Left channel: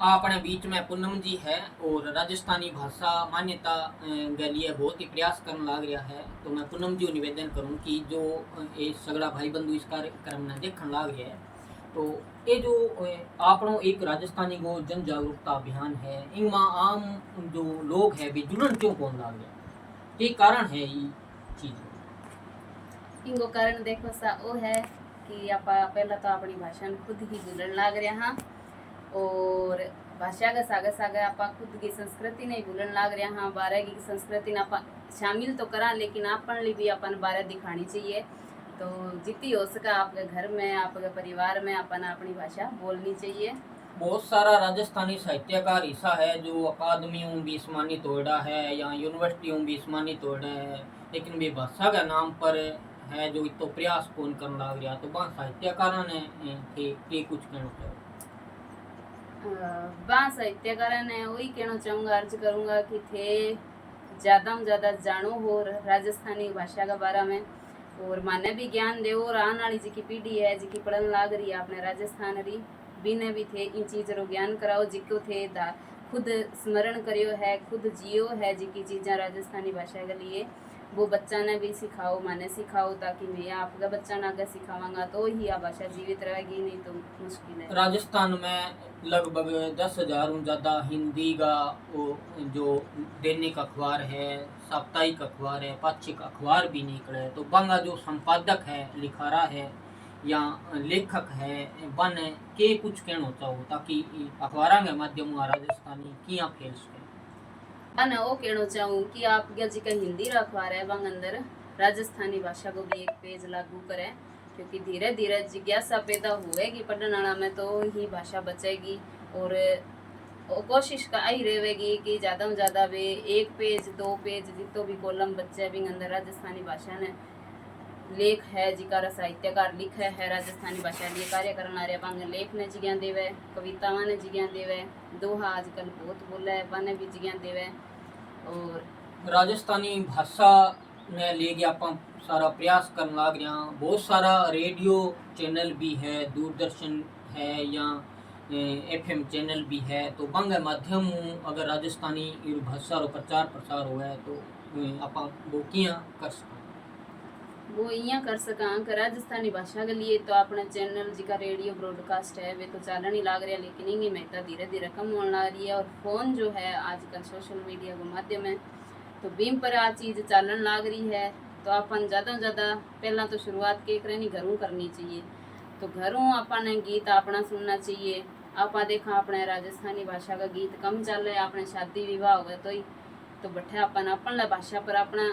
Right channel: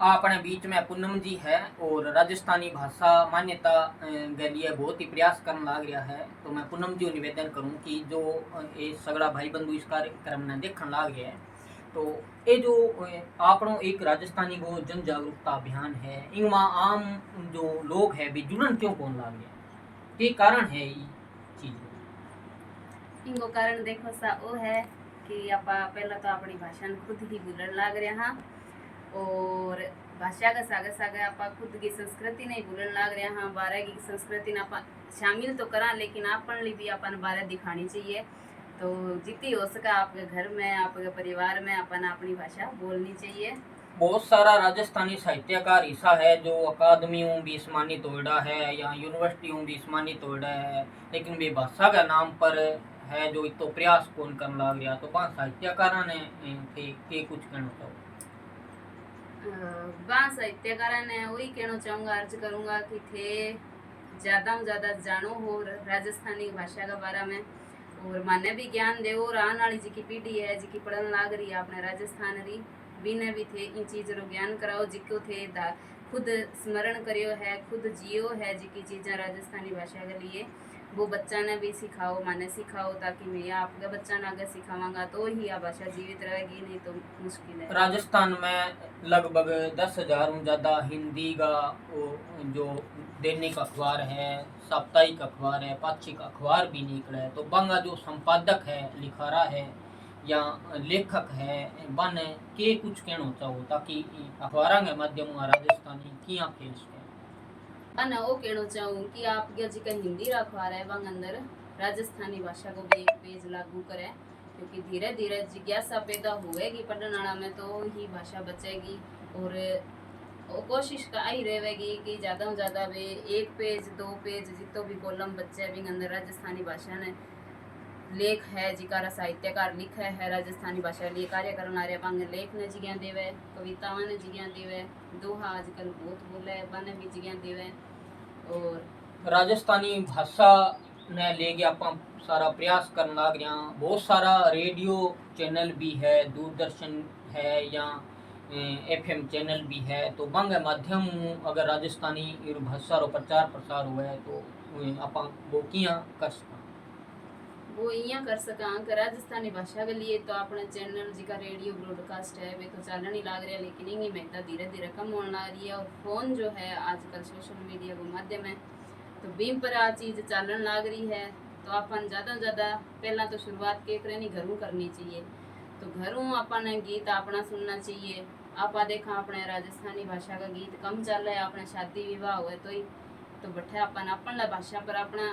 अपने बीच में पूनम जी है और राजस्थानी भाषा मान्यता के लिए बहुत ही प्रयास करने लग रहा है। तो मैं पूनम जी को निवेदन करूं कि जो ये सगड़ा भाई बंधु इस कार्यक्रम ने देखने लग रहा है, तो ये जो आपनो एक राजस्थानी को जन जागरूकता अभियान है, इनमें आम जो लोग है भी जुड़न क्यों कौन लग रहा, ये कारण है ये चीज। इनको कारण देखो सा वो है कि आप पहला तो अपनी भाषा खुद ही भूलन लग रहा हाँ, और भाषा का सागे सागे आप खुद की संस्कृति नहीं भूलन लग रहा हाँ। बारह की संस्कृति आप शामिल तो करा, लेकिन अपन भी अपन बारह दिखानी चाहिए। तो जितनी हो सका आपके घर में आपके परिवार में अपन अपनी भाषा बोलनी चाहिए। बहुत सारा राजस्थानी साहित्यकार ऐसा है जो अकादमियों भी सम्मानित होड़ा है या यूनिवर्सिटियों भी सम्मानित होड़ा है, लेकिन वे भाषा का नाम पर है जो इतो प्रयास कौन करने लग रहा। तो वहाँ साहित्यकार ने के कुछ कहना चाहो। वहाँ साहित्यकार ने वही कहना चाहूँगा, अर्ज करूँगा कि थे ज़्यादा में ज़्यादा जानो हो राजस्थानी भाषा के बारे में, और माने भी ज्ञान दे। और आने वाली जी की पीढ़ी है जी पढ़न लाग रही है अपने राजस्थान री, बिने भी थे इन चीज़ रो ज्ञान कराओ, जिको थे खुद स्मरण करियो है, खुद जियो है जी की चीज़ें राजस्थानी भाषा के लिए, वो बच्चा ने भी सिखाओ, माने सिखाओ, ताकि मैं आपका बच्चा ने आगे सिखावांगा तो ही आ भाषा जीवित रहेगी, नहीं तो मुश्किल है। राजस्थान में लगभग 10,000 ज़्यादा हिंदी का जो दैनिक अखबार है, साप्ताहिक अखबार है, पाक्षिक अखबार भी निकले है। तो बंगा जो संपादक है, लिखारा है या लेखक है, बन के कुछ कहना चाहो ताकि अखबार के माध्यम राजस्थानी किया फैल सके। मैं वो कहना चाहूँ कि आप जी का हिंदी अखबार है वहाँ अंदर राजस्थानी भाषा को भी एक पेज लागू करें, क्योंकि धीरे धीरे जिज्ञासा पैदा हुएगी पढ़ने वाला में तो ही भाषा बचेगी। और कोशिश का आई रहेगी कि ज़्यादा से ज़्यादा वे एक पेज दो पेज जितो भी कॉलम बच्चे भी अंदर राजस्थानी भाषा ने लेख है जिका साहित्यकार लिखे है राजस्थानी भाषा लिए कार्य करना रहे बांगे लेख ने जिज्ञा देवे, कविताओं ने जिज्ञा देवे, दोहा आजकल बहुत बोले बने भी जिज्ञा देवे। और राजस्थानी भाषा ने लेके आप सारा प्रयास करने लग रहा। बहुत सारा रेडियो चैनल भी है, दूरदर्शन है या एफएम चैनल भी है। तो बंग माध्यम अगर राजस्थानी भाषा रो प्रचार प्रसार हुआ तो आप वो किया कर सकते, वो यहाँ कर सका कि राजस्थानी भाषा के लिए तो अपने चैनल जी का रेडियो ब्रॉडकास्ट है वे तो चालन ही लाग रहा है, लेकिन इनकी महत्ता धीरे धीरे कम होने लग रही है। और फ़ोन जो है आजकल सोशल मीडिया का माध्यम है, तो बीम पर आ चीज़ चालन लाग रही है। तो अपन ज़्यादा से ज़्यादा पहला तो शुरुआत के करें घरों करनी चाहिए। तो घरों अपन गीत अपना सुनना चाहिए। आप देखा अपने राजस्थानी भाषा का गीत कम चल रहा है, अपने शादी विवाह हुए तो बैठे अपन भाषा पर अपना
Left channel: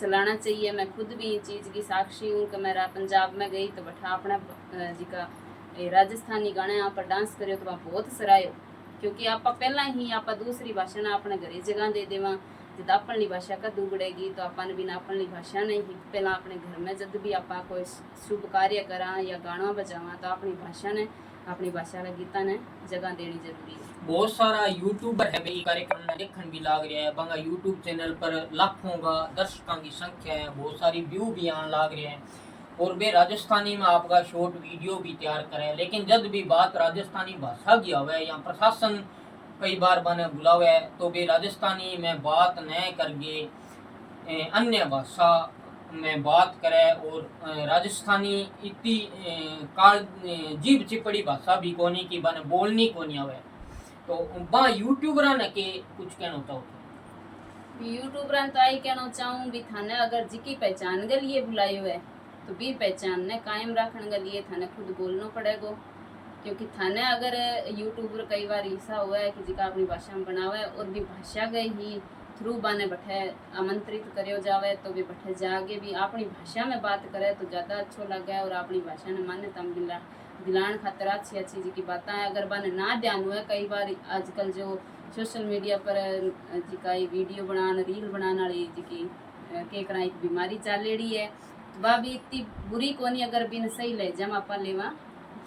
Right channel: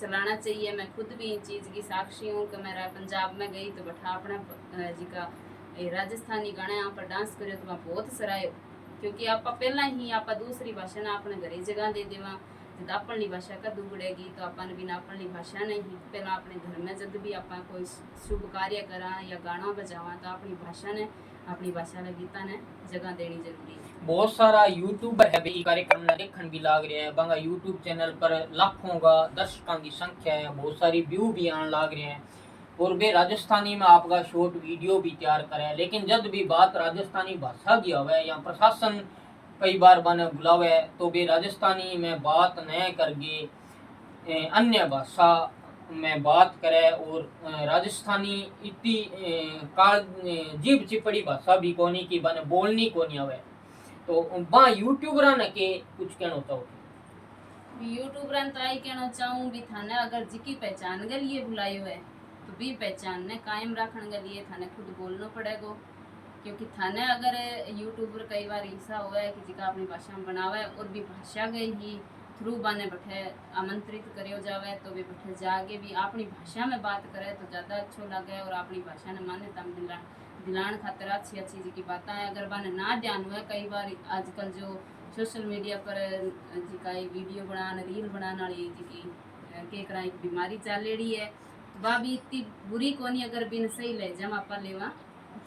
चलाना चाहिए। मैं खुद भी इस चीज़ की साक्षी हूँ कि मैं पंजाब में गई तो बैठा अपना जी का राजस्थानी गाने यहाँ पर डांस करो तो वहाँ बहुत सरायो, क्योंकि आप पहला ही आप दूसरी भाषा ना अपने घरे जगह दे देवा। जब अपनी भाषा का दुबड़ेगी तो अपन बिना अपनी भाषा नहीं ही पहला अपने घर में जब भी आप कोई शुभ कार्य करा या गाना बजावा तो अपनी भाषा ने अपनी भाषा के गीता ने जगह देनी जरूरी है। बहुत सारा यूट्यूबर है भाई कार्यक्रम में देखने भी लाग रहा है। बंगा यूट्यूब चैनल पर लाखों का दर्शकों की संख्या है, बहुत सारी व्यू भी आने लाग रहे हैं और वे राजस्थानी में आपका शॉर्ट वीडियो भी तैयार करें। लेकिन जब भी बात राजस्थानी भाषा की होवे या प्रशासन कई बार बने बुलावे तो वे राजस्थानी में बात न करके अन्य भाषा में बात करे। और राजस्थानी इतनी काल जीभ चिपड़ी भाषा भी कोनी की बने बोलनी कोनी आवे। तो बा यूट्यूबर ने के कुछ कहना चाहो यूट्यूबर तो आई कहना चाहूँ भी थाने अगर जी की पहचान के लिए बुलायो है तो भी पहचान ने कायम रखने के लिए थाने खुद बोलना पड़ेगा। क्योंकि थाने अगर यूट्यूबर कई बार ऐसा हुआ है कि जिका अपनी भाषा में बनावे और भी भाषा गई ही थ्रू बाने बैठे आमंत्रित करो जावे तो भी बैठे जाके भी अपनी भाषा में बात करे तो ज़्यादा अच्छो लगे और अपनी भाषा ने मान्यता दिलान खातर अच्छी अच्छी जी की बातें अगर बाने ना ध्यान हुआ। कई बार आजकल जो सोशल मीडिया पर जी का वीडियो बनाने रील बनाने वाली जी की के करा एक बीमारी चल रही है, तो वह भी इतनी बुरी कोनी अगर बिन सही ले जम आप लेवा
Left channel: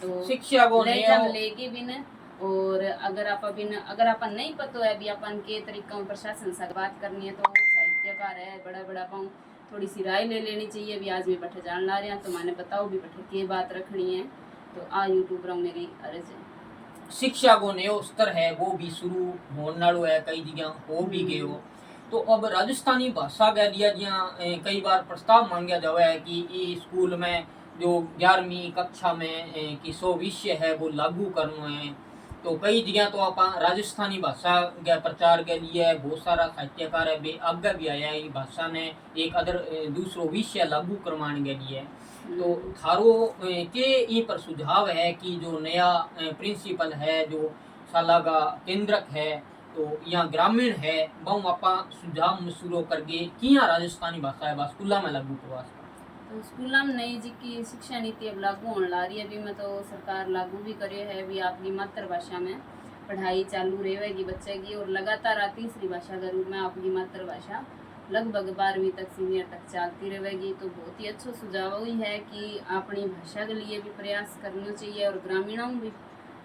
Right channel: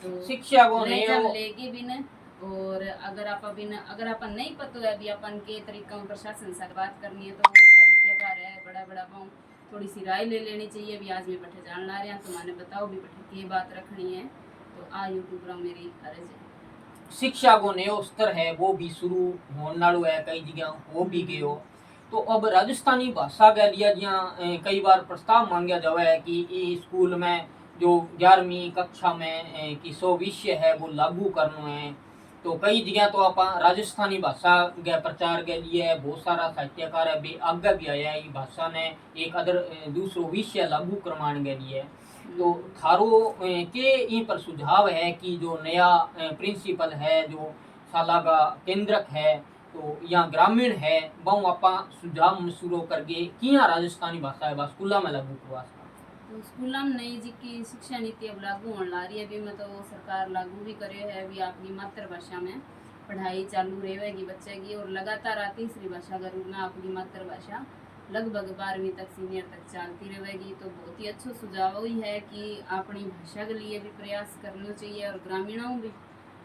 तो शिक्षा को ले जम लेके बिन। और अगर आप नहीं पता है भी अपन के तरीका में प्रशासन से बात करनी है तो वो साहित्यकार है बड़ा बड़ा पाऊँ थोड़ी सी राय ले लेनी चाहिए। भी आज भी बैठे जान ला रहे हैं तो मैंने बताओ भी बैठे की बात रखनी है, तो आ यूट्यूबर मेरी अर्ज है। शिक्षा को नयो स्तर है वो भी शुरू होने वालो है, कई जगह हो भी गयो। तो अब राजस्थानी भाषा के लिए जियाँ कई बार प्रस्ताव मांगा जावे है कि ई स्कूल में जो 11वीं कक्षा में की सो विषय है वो लागू करना है। तो कई जगह तो आप राजस्थानी भाषा के प्रचार के लिए बहुत सारा साहित्यकार है बे आगे भी आया है ई भाषा ने एक अदर दूसरो विषय लागू करवाने के लिए। तो थारो के ई पर सुझाव है कि जो नया प्रिंसिपल है जो शाला का केंद्रक है तो यहाँ ग्रामीण है बहु आपा सुझाव मसूरो करके किया राजस्थानी भाषा है स्कूल में लागू करवा सकता। तो स्कूल में नई जी की शिक्षा नीति अब लागू होने ला रही है। अभी में तो सरकार लागू भी करियो है भी अपनी मातृभाषा में पढ़ाई चालू रहेगी बच्चे की, और लगातार तीसरी भाषा के रूप में अपनी मातृभाषा लगभग 12वीं तक सीनियर तक चलती रहेगी। तो बहुत ही अच्छा सुझाव वही है कि अपनी भाषा के लिए भी प्रयास करना चाहिए, और ग्रामीणों भी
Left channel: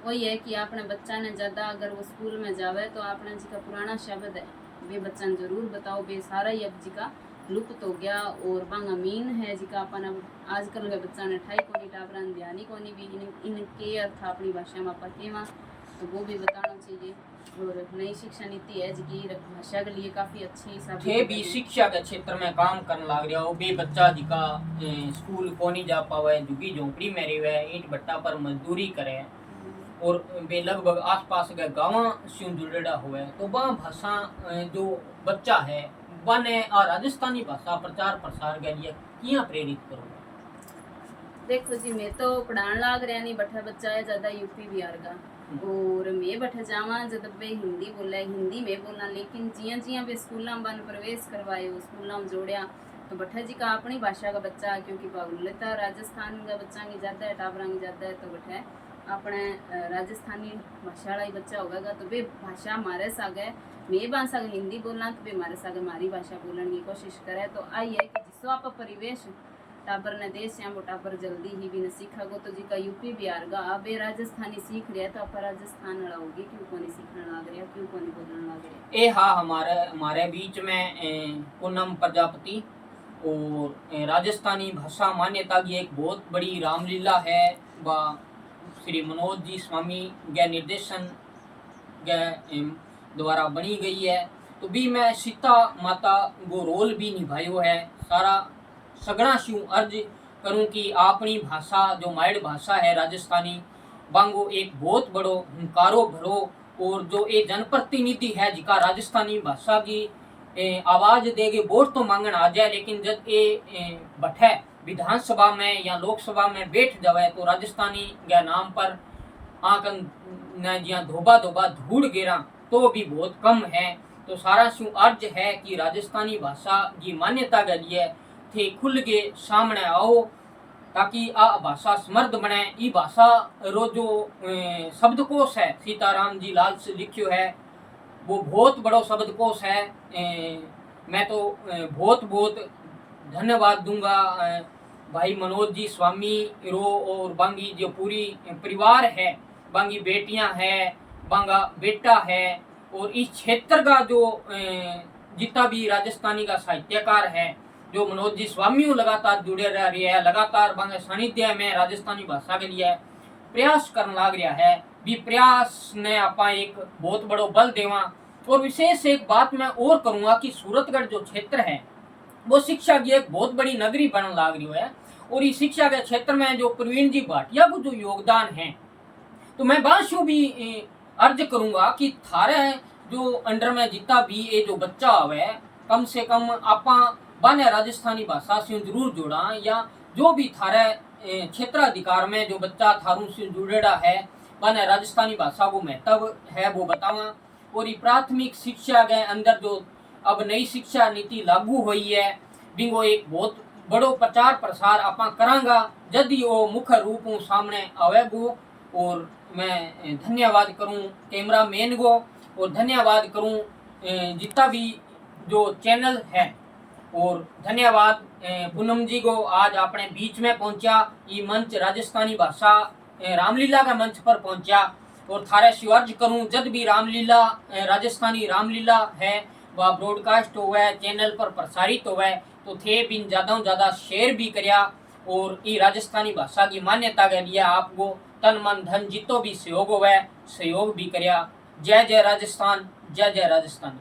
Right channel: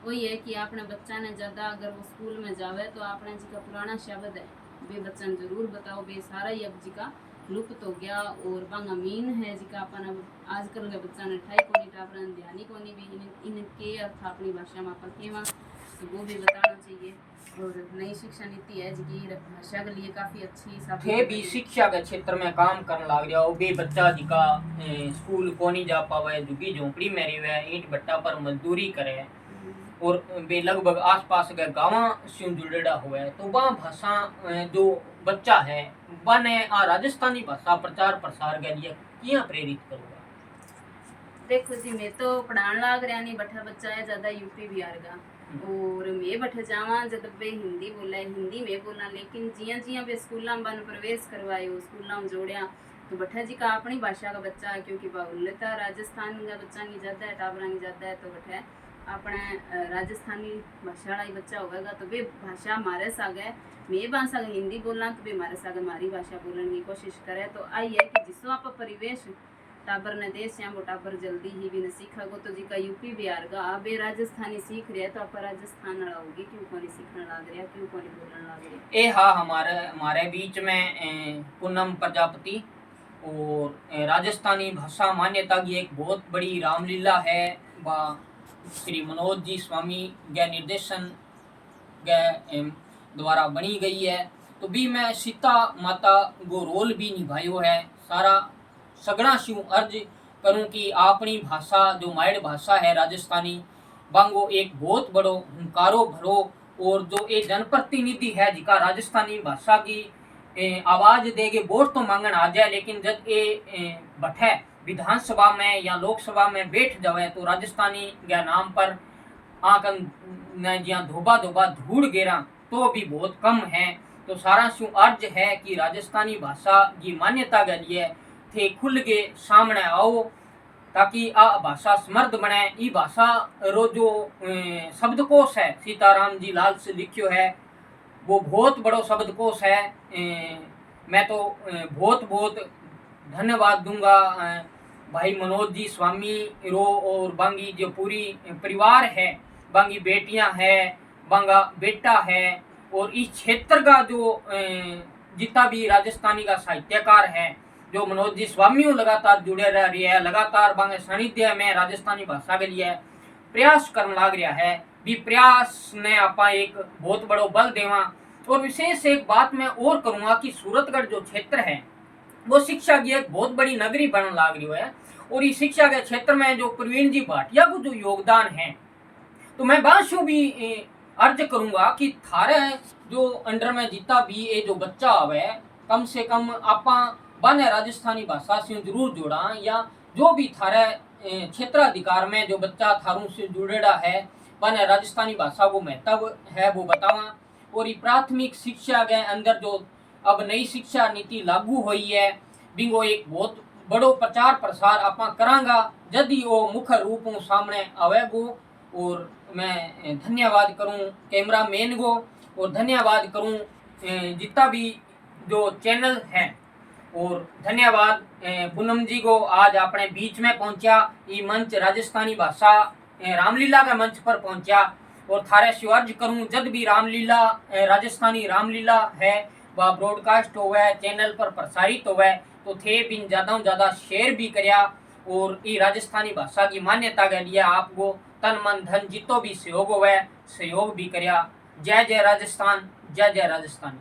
वही है कि अपने बच्चा ने ज़्यादा अगर वो स्कूल में जावे तो अपना जी का पुराना शब्द है वे बच्चा ने जरूर बताओ, बे सारा ही अब जी का लुप्त हो गया। और बांग अमीन है जी का अपन अब आजकल के बच्चा ने ठाई कोनी टाबरन ध्यान कोनी भी इनके अर्थ अपनी भाषा में अपन केवा तो वो भी बताना चाहिए। और नई शिक्षा नीति है जी भाषा के लिए काफ़ी अच्छी थे भी शिक्षा के क्षेत्र में काम करने लग रहा हो बे बच्चा जी का स्कूल को नहीं जा पावे, झुग्गी झोंपड़ी में रहे, ईंट भट्टा पर मजदूरी करे और वे लगभग आसपास के गाँव से जुड़ेड़ा हुआ है। तो वह भाषा जो बच्चा है बने राजस्थानी भाषा प्रचार प्रसार के लिए किया प्रेरित करूँगा। देखो जी मैं तो पढ़ाने लाग रहा नहीं, बठा बच्चा है ज़्यादा यूपी बिहार का, और मैं बठे जावा जब वे हिंदी बोला हिंदी में बोलना, लेकिन जियां जियां वे स्कूल में बन प्रवेश करवाए स्कूल में जोड़िया तो बठा जी का अपनी भाषा का बच्चा है, क्योंकि बाहुल्यता राजस्थान का बच्चा नहीं जाता है टाबरा नहीं जाता है, तो बठे अपने राजस्थानी भाषा वाला ही बच्चा होगा तो वे भाषा हमारे सागे मैं भाषा हिंदी बोलना तो वे हमारे सागे हमारी भाषा बोलने की कोशिश करे। तो आई है कि जिसो आप परिवेश टाबर ने देश या वो टाबर जल्दी ही भी न सीखा गो, तो जी का यूपी बिहार का अब राजस्थानी सीख रहे तो आप राजस्थान वाला होगी क्यों को नहीं सीखने लग रहा, क्यों को नहीं बोलने लग रहा। ए हाँ हमारे बीच में पूनम प्रजापति और राजस्थानी भाषा मान्यता की एक बहुत बड़ी रामलीला है वह श्री मनोज जी स्वामी के निर्देशन के द्वारा बनी गई है। तो भी मैं सीता माता वो रोल भी निभायो है सारा सगड़ा शू अर्ज करूं कि अपनी भाषा जो माइड भाषा है राजस्थानी बांगो एक बहुत बड़ो हुंकारो भरो और जो ये जनप्रतिनिधि है जिका राजस्थानी भाषा की आवाज देगे वोट तो मांगन आ जाए, लेकिन जब ये बैठे विधानसभा में या लोकसभा में बैठ जावे तो राजस्थानी के नाम पर आंकन न जिया धोबा धोबा धूड़ गिरा तो भी बहुत कम है। तो सारा शू अर्ज है कि राजस्थानी भाषा की मान्यता के लिए थे खुल के सामने आओ ताकि आ भाषा समृद्ध बने। ई भाषा रो जो शब्दकोश है सीताराम जी लाल से लिखियो है वो बहुत बड़ो शब्दकोश है। मैं तो बहुत बहुत धन्यवाद दूंगा भाई मनोज जी स्वामी रो और बांगी जो पूरी परिवार है, बांगी बेटियां है, बांगा बेटा है और इस क्षेत्र का जो जितना भी राजस्थानी का साहित्यकार है जो मनोज जी स्वामी लगातार जुड़े रह रही है, लगातार बांगे सानिध्य में राजस्थानी भाषा के लिए प्रयास करने लग रहा है। भी प्रयास ने आपा एक बहुत बड़ो बल देवा। और विशेष एक बात मैं और करूँगा कि सूरतगढ़ जो क्षेत्र है वो शिक्षा की एक बहुत बड़ी नगरी बनने लग रही है, और इस शिक्षा के क्षेत्र में जो प्रवीण जी भाटिया को जो योगदान है तो मैं बाशु भी अर्ज करूँगा कि थारे जो अंडर में जितना भी ये जो बच्चा आवे कम से कम आपा बने राजस्थानी भाषा से जरूर जोड़ा, या जो भी थारे क्षेत्राधिकार में जो बच्चा थारू से जुड़ेड़ा है बने राजस्थानी भाषा को महत्व है वो बतावा। और ये प्राथमिक शिक्षा के अंदर जो अब नई शिक्षा नीति लागू हुई है बिंगो एक बहुत बड़ो प्रचार प्रसार आपा करांगा यदि वो मुख्य रूप में सामने आवेगो। और मैं धन्यवाद करूं कैमरा मैन को और धन्यवाद करूं जितना भी जो चैनल है, और धन्यवाद पूनम जी को आज अपने बीच में पहुंचा ये मंच राजस्थानी भाषा रामलीला के मंच पर पहुंचा। और थारे शिवार्ज करूं जब भी रामलीला राजस्थानी रामलीला है वह ब्रॉडकास्ट हुआ है चैनल पर प्रसारित हुआ है तो थे बिन ज़्यादा शेयर भी करया। और ये राजस्थानी भाषा की मान्यता के लिए आपको तन मन धन जितो भी सहयोग हुआ है सहयोग भी करया। जय जय राजस्थान, जय जय राजस्थान।